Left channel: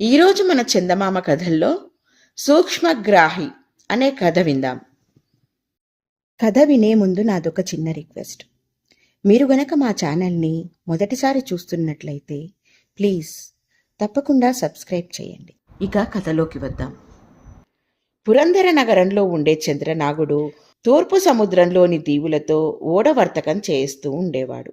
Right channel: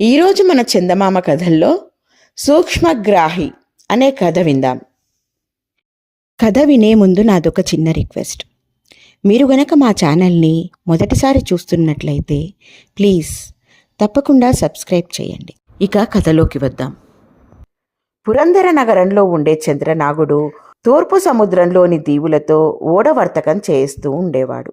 ఈరోజు మన చందమామ కథల్లో సూక్ష్మగ్రాహి అనే కథ విందాం. కథ వినే ముందు నాదొక చిన్న రిక్వెస్ట్. మీరు గనక మా ఛానల్ని మొదటిసారి చూస్తున్నట్లయితే ప్లీజ్ తప్పకుండా సబ్స్క్రైబ్ చేయండి. ఇక కథలోకి వద్దాం. పురందర నగరంలో ఉండే చంద్రనాగుడు తూర్పు సముద్రంలోని దీవులతో ఓడవర్తకం చేస్తూ ఉండేవాడు.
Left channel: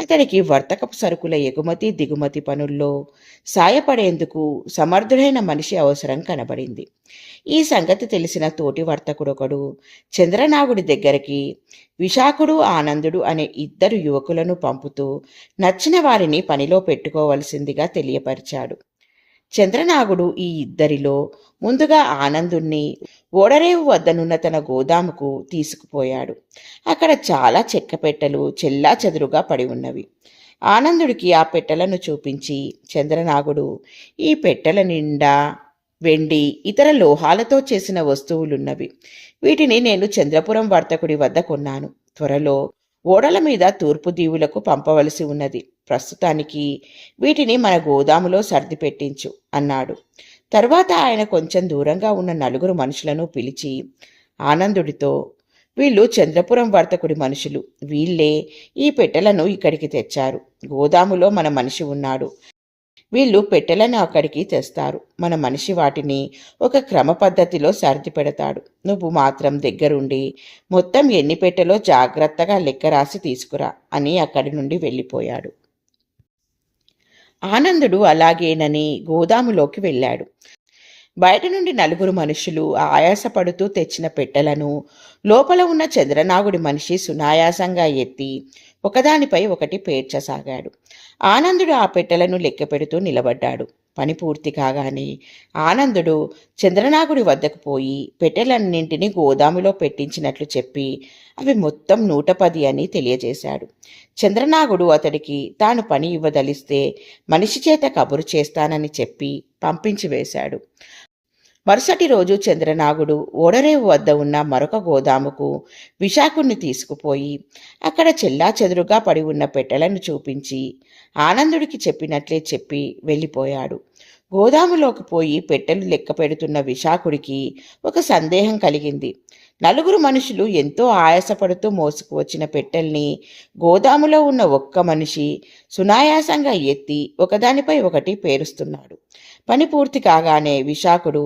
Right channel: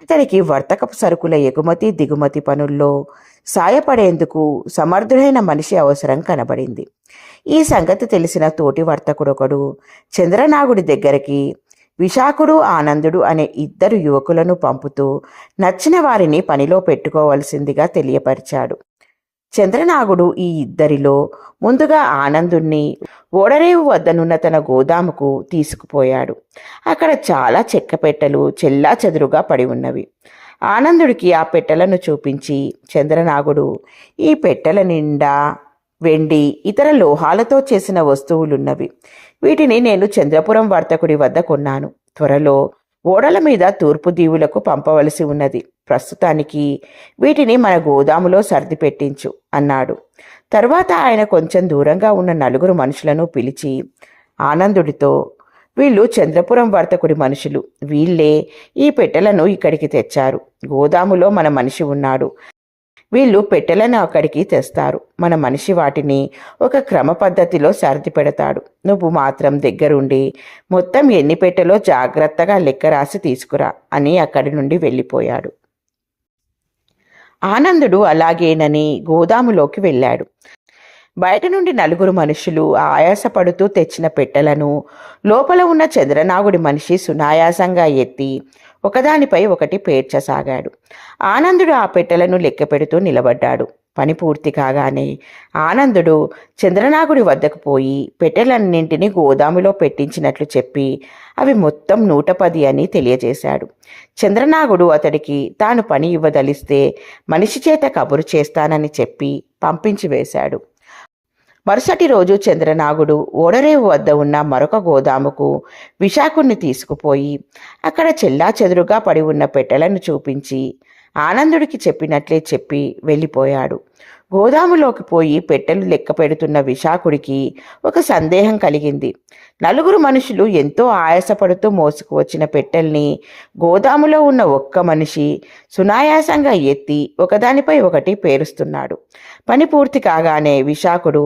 అతనికి వర్తకపు సరుకుల ఎగుమతి దిగుమతి పనుల్లో సాయపడేందుకు సమర్థుడైన మనిషి అవసరం కనబడింది. ఈ సంగతి తెలిసిన తోటి వర్తకుడొకడు చంద్రనాగుడి దగ్గరికి విశాఖుడు ఆనందుడు అనే ఇద్దరు యువకులను పంపుతూ నచ్చిన వారిని పనిలో పెట్టుకోవలసిందిగా తెలియపరిచాడు. చంద్రనాగుడు ఈ ఇద్దరిలో ముందుగా ఆనందుణ్ణి ఓడరేవు వద్దనున్న తన గోదాముకు తీసుకుపోయాడు. అక్కడ చాలా చెక్క పెట్టెలు చెల్లా చెదురుగా పడి ఉన్నవి. ఆనందుడికి ఆ పెట్టెలను చూపించి చంద్రనాగుడు ఈ పెట్టెల నిండా వెండి ఇతర లోహాలతో చేసిన వస్తువులున్నవి. వీటిని నేను చంద్రపురం వర్తకుడి వద్ద కొన్నాను. త్వరలో ఓడల మీద తూర్పు దీవులకు పంపవలసి ఉన్నది. ప్రస్తుతానికి వీటిని మన గోదాములో సర్ది పెట్టించు అన్నాడు. తర్వాత ఆయన కొంచెం దూరంగా ఉన్న నలుగురు మనుషులను పిలిచి ఆనందుడితో వీళ్ళు చంద్రపురం వర్తకుడి మనుషులు వీళ్ళే ఈ పెట్టెలను ఇక్కడికి తెచ్చారు. గోదాములో మన మనిషి ఉన్నాడు. వీళ్ళు పెట్టెలను అక్కడికి తెస్తారు. మన మనిషి వాటిని ఒక క్రమ పద్ధతిలో సర్ది పెడతాడు. నువ్వు మాత్రం దగ్గరుండి మొత్తం ఎన్ని పెట్టెలో జాగ్రత్తగా లెక్క రాసి తీసుకురా అని అక్కడి నుండి వెళ్ళిపోయాడు. ఆనందుడు అలాగేనని గోదాములోకి వెళ్ళాడు. బయట నుండి నలుగురు మనుషులు ఆయాసపడుతూ తెచ్చిన పెట్టెలను లోపల ఉన్న చంద్రనాగుడి మనిషి సునాయాసంగా ఎత్తి ఒకదానిపై ఒకటి పేర్చసాగాడు. ఆనందుడు ఆ పెట్టెలను లెక్క పెడుతూ నిలబడ్డాడు. పని పూర్తి కాగానే ఆనందుడు చంద్రనాగుడి వద్దకు పోయి పెట్టెలన్నింటినీ గోదాములో పెట్టించినట్లు చెప్పి అవి మొత్తం నూట పది అని తెలియజేశాడు. చంద్రనాగుడు అతడికి తాను పని ఇవ్వదలిస్తే మనిషి చేత కబురు చేస్తానని చెప్పి పంపించి వేశాడు. మరుసటి రోజు చంద్రనాగుడు ఓడరేవు వద్ద ఉన్న మరొక గోదాముకు విశాఖుణ్ణి తీసుకుపోయి అక్కడ చెల్లా చెదురుగా పడి ఉన్న పెట్టెలను చూపించి ఆనందుడికి చెప్పినట్లే చెప్పి వెళ్ళిపోయాడు. గోదాములోకి పోయి పెట్టెలు లెక్క పెడుతున్న విశాఖుడికి ఒక సందేహం కలిగింది. నలుగురు మనుషులు ఎంతో ఆయాసపడుతూ మోసుకు వచ్చిన పెట్టెల్ని గోదాములో ఉన్న ఒక్క మనిషి సునాయాసంగా ఎత్తి ఒకదానిపై ఒకటి పేరుస్తున్నాడు. పని పూర్తి కాగానే విశాఖుడు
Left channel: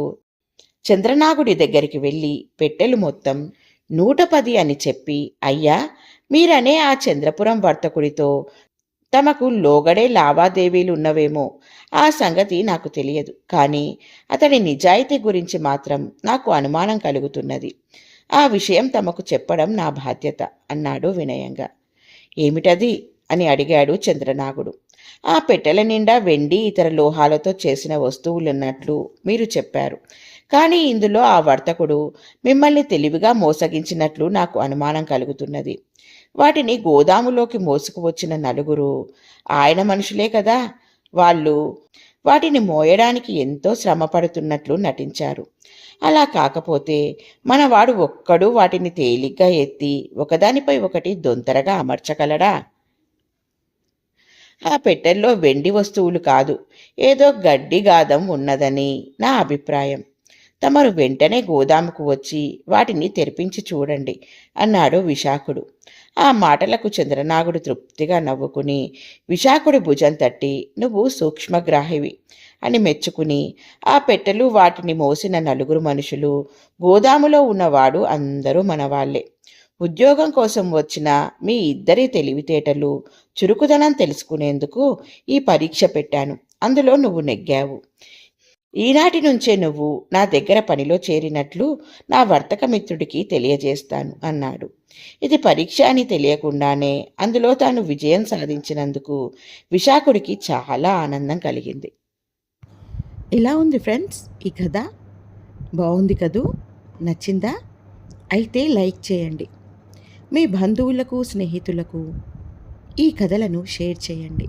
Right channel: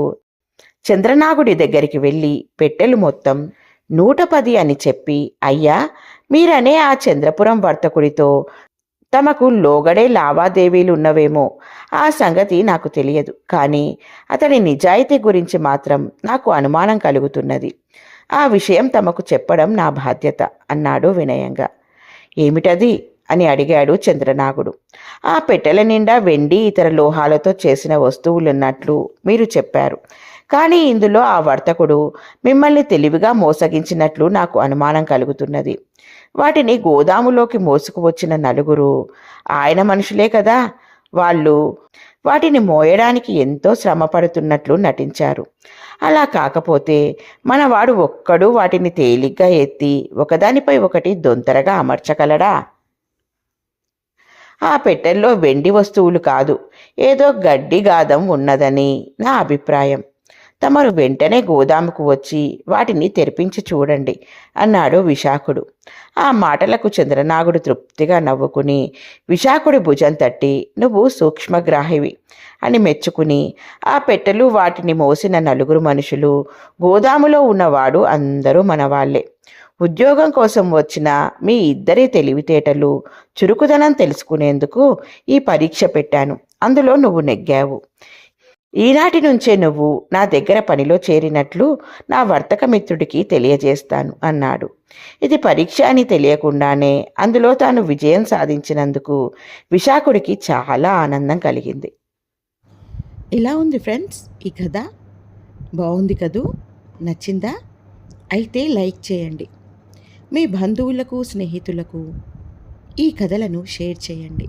చంద్రనాగుడి దగ్గరికి వెళ్ళి పెట్టెలు మొత్తం నూట పది అని చెప్పి అయ్యా మీరనే ఆ చంద్రపురం వర్తకుడితో తమకు లోగడే లావాదేవీలు ఉన్నవేమో ఆ సంగతి నాకు తెలియదు. కానీ అతడి నిజాయితీ గురించి మాత్రం నాకు అనుమానం కలుగుతున్నది. ఆ విషయం తమకు చెప్పడం నా బాధ్యత అన్నాడు వినయంగా. ఏమిటది? అని అడిగాడు చంద్రనాగుడు. ఆ పెట్టెల నిండా వెండి ఇతర లోహాలతో చేసిన వస్తువులున్నట్లు మీరు చెప్పారు. కానీ ఇందులో ఆ వర్తకుడు మిమ్మల్ని తెలివిగా మోసగించినట్లు నాకు అనుమానం కలుగుతున్నది. వాటిని గోదాములోకి మోసుకువచ్చిన నలుగురు ఆయన మనుషులే కదా! వాళ్ళు వాటిని మోయడానికి ఎంతో శ్రమ పడుతున్నట్లు నటించారు. అలా కాకపోతే మనవాడు ఒక్కడు వాటిని తేలిగ్గా ఎత్తి ఒకదానిపై ఒకటి దొంతరగా అమర్చగలడా? ఆ పెట్టెల్లో వెండి వస్తువులు కాదు ఏదో గడ్డి గాదం ఉన్నదని నా అభిప్రాయం. తమరు వెంటనే గోదాముకు వచ్చి వాటిని తెరిపించి చూడండి అన్నాడు విశాఖుడు. ఆ మాటలకు చంద్రనాగుడు తృప్తిగా నవ్వుకుని విశాఖుడి భుజం తట్టి నువ్వు సూక్ష్మగ్రాహివి అని మెచ్చుకుని ఆ పెట్టెలు వాటిని మోసిన నలుగురు మనుషులు గోదాములో ఉన్నవాడు అందరూ మనవాళ్ళే. ఉద్యోగం కోసం వచ్చిన మీ ఇద్దరి తెలివితేటలు చురుకుదనం తెలుసుకునేందుకు ఈ పరీక్ష పెట్టాను. అందులో నువ్వు నెగ్గావు. ఈనాటి నుంచే నువ్వు నా దగ్గర పనిలో చేరినట్లు నా వర్తకమిత్రుడికి తెలియజేస్తాను అన్నాడు. ఇది పరీక్ష అని తెలియకుండానే అందులో తాను విజయం సాధించినందుకు విశాఖుడికి చాలా ఆనందం కలిగింది. ఇలా ఉంది ఫ్రెండ్స్ ఈ కథ. బాగుంది కదూ? నచ్చిందా? అయితే లైక్ చేయండి. మీ బంధువులకు స్నేహితులకు ఈ కథలను షేర్ చేయండి.